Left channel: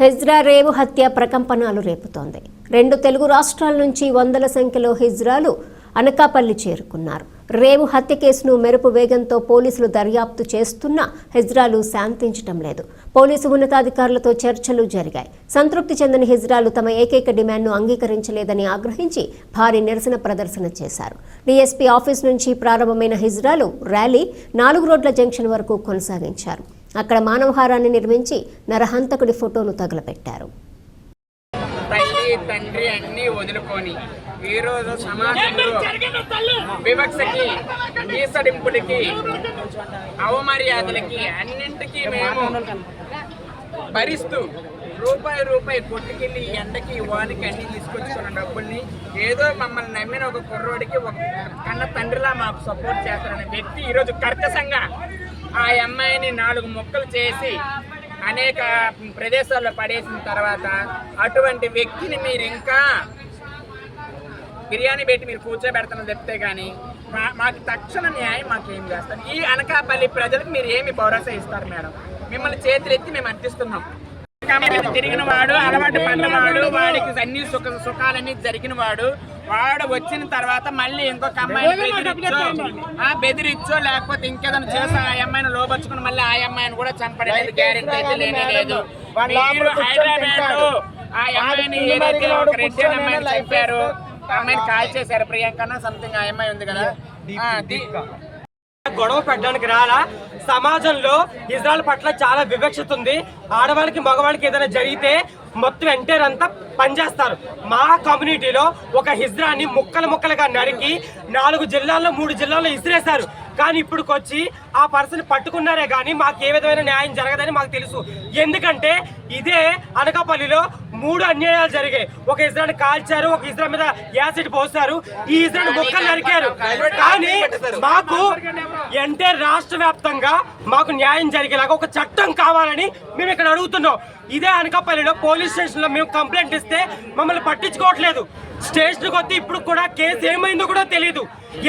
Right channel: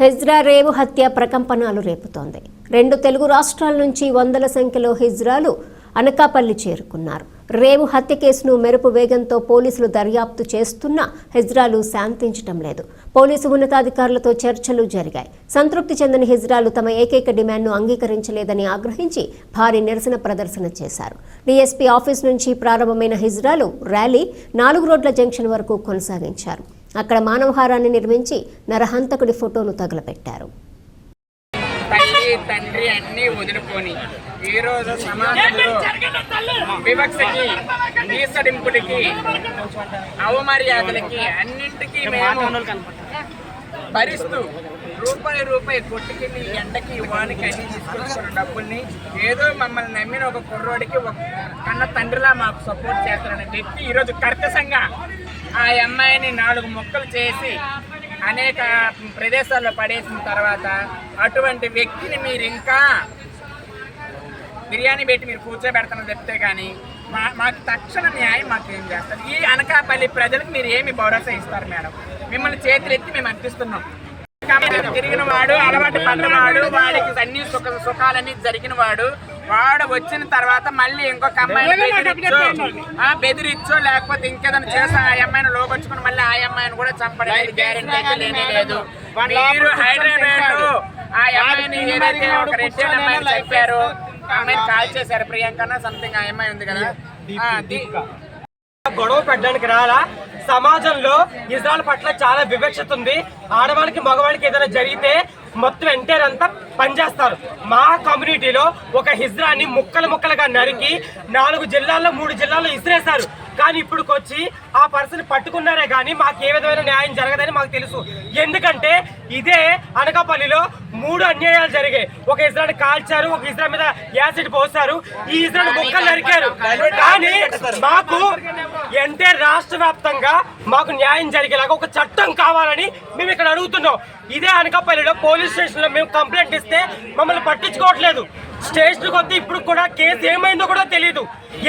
Ezra రేవు హత్య ప్రకంపనలు రేపుతోంది. రెండు తెలుగు రాష్ట్రాల నుంచి వందల సంఖ్యలో హిజ్రాలు అనకాపల్లి చేరుకున్నారు. రేవు హత్య కేసును మెరుపు వేగంతో పోలీసులు దర్యాప్తు చేస్తున్నా హెజ్రాలు శాంతించటం లేదు. పోలీసు ఉన్నతాధికారులతో చర్చలు జరిగాయి. సంతృప్తి చెందిన హిజ్రాలు తమ ఏకైక డిమాండ్ను అంగీకరించలేదని ఆగ్రహించి భారీ నిరసన ప్రదర్శన చేశారు. డీఎస్పీ ఆఫీస్ నుంచి ప్రారంభమైన హిజ్రాలు ర్యాలీ నాలుగు రోడ్ల జంక్షన్ వరకు కొనసాగించారు. అక్కడ మానవహారాన్ని నిర్మించి నరహంతకుడి ఫోటోను తగులపెట్టారు. తల్లి తండ్రి అన్ని వదులుకొని ఈ రోజు సమాజంలో వివక్షకి అవమర్యాదలకి అన్నింటికీ మేము భరిస్తూ రూపాయి రూపాయి కొట్టుకెళ్ళి ఎండకి వానికి అన్ని తీసుకొచ్చిన డబ్బుల్ని. ఏదో మమ్మల్ని నమ్మిన ఒక కుర్రోడికి ఒక కన్న తండ్రిలా మాకు సపోర్ట్ చేస్తారనే వ్యక్తి ఈరోజు కర్కశంగా ఆ అమ్మాయిని నాలుగు మొక్కలు చేసి అనేక ప్రదేశాల్లో పడేసిన తర్వాత అటువంటి వ్యక్తిని మీరు ఇంకా బిర్యానీ పెట్టి మీరు కూర్చోబెడతానని చెప్తే కానీ మా మాకు తక్షణ న్యాయం మాకు ఏం చేస్తారు? ఈ అనకాపల్లి ప్రజలకు మీరు ఏమి భరోసా ఇస్తారు మేడం? మిమ్మల్ని చేతులు ఎత్తి మేము కాబట్టి తిరిగిన వాడు అలవాటు పడినవాడు వాడికి అన్ని సుఖ సుఖాలన్నీ జరిగిన వాడు వాడు వచ్చిన తర్వాత మళ్ళీ ఇంకొక అమ్మాయిని బెదిరించో ఆ, బెదిరించో లేకపోతే ఇంకేదైనా చేసి ఆ అమ్మాయిని లోపరుచుకుని మళ్ళీ ఆ అమ్మాయిని కూడా చంపడానికి గ్యారెంటీ లేనే లేదు. మీరు హైదరాబాద్ ఆ అమ్మాయిని ఏదైతే ఒక రెడ్డి అమ్మాయిని చంపారు కాల్ చేశారు. ప్రియాంక సంథింగ్ అమ్మాయి ఉంది కదా? గొడవ పెట్టడానికి రాలా? సమాజంలో ఇజ్రాయల్ పట్ల చాలా వివక్షత ఉంది. ఆడవాళ్ళకి మగవాళ్ళకి ఏదైనా జరిగితే మొత్తం ఎంటైర్ అంతా పనిచేస్తారు. మా కమ్యూనిటీలో ఒక హిజ్రాని ముక్కలు ముక్కలుగా నరికి నాలుగు జిల్లాల్లో మూడు జిల్లాల్లో ఇసిరేశారు. కానీ ఇప్పుడుకొచ్చి ఆ పర్సన్ పట్టుకున్నారే కానీ మాకు ఏ విధమైన న్యాయం జరగదని మాకు తెలుసు. ఎందుకంటే ఇదే అనకాపల్లిలో మూడు అన్యాయాలు జరిగాయి. ఒక ఇజ్రాయల్ కాల్చారు ఒక ఇజ్రాయల్ మీద యాసిడ్ పోస్తారు ఈ ఇజ్రాయల్ ముక్కలు నరికారు. కానీ మాకు అంటే రాష్ట్ర వ్యాప్తంగా మాకు న్యాయం జరిగేలాగా ఒక చట్టం కావాలని మేము ఇక్కడ అడుగుతున్నాం. ఇదే అనకాపల్లిలో పోలీస్ స్టేషన్లో మేము కంప్లైంట్ ఇస్తే మమ్మల్ని పట్టించుకోవట్లేదు. స్టేషన్కి కొద్ది ఇప్పుడు కూడా కేసు ఏమైందో కూడా తెలియదు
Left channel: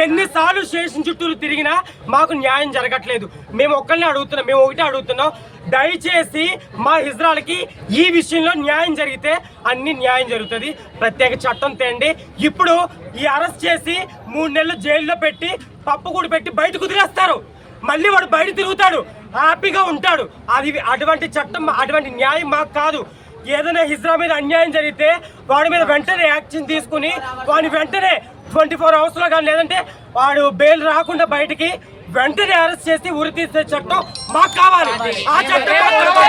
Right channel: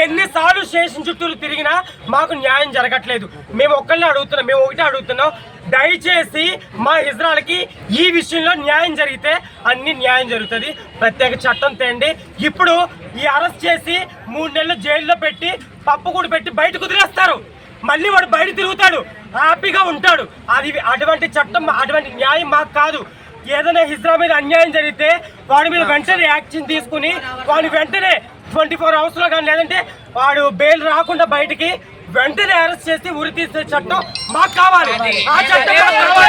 ఎన్నిసార్లు స్టేషన్ చుట్టూరు తిరిగినా మాకు న్యాయం జరగట్లేదు. మేము ఒక్కళ్ళని అడుగుతున్నాం మేము ఒకటే అడుగుతున్నాం. దయచేసి మా హిజ్రాలకి ఈ విషయంలో న్యాయం జరిగితే అన్ని న్యాయం జరుగుతుంది. ప్రత్యేక చట్టం తేండి. ఇప్పుడు ఈ అరెస్ట్ చేసి మూడు నెలలు జైల్లో పెట్టి పప్పు కూడా పెట్టి బయట కుదిరేస్తారు. మళ్ళీ వాడు బయట తిరుగుతాడు హ్యాపీగా ఉంటాడు. అది అటువంటి చట్టం అటువంటి న్యాయం మాకు కాదు. ఏదైనా హిజ్రా మీద అన్యాయం జరిగితే వాడి మీద వెంటనే యాక్షన్ తీసుకుని వాడిని వెంటనే ట్వంటీ ఫోర్ అవర్స్లో కానీ లేదంటే వాడు బెయిల్ రాకుండా బయటికి వెంటనే అరెస్ట్ చేసి ఉరి తీసే చట్టం మాకు కావాలి. ఆ చట్టం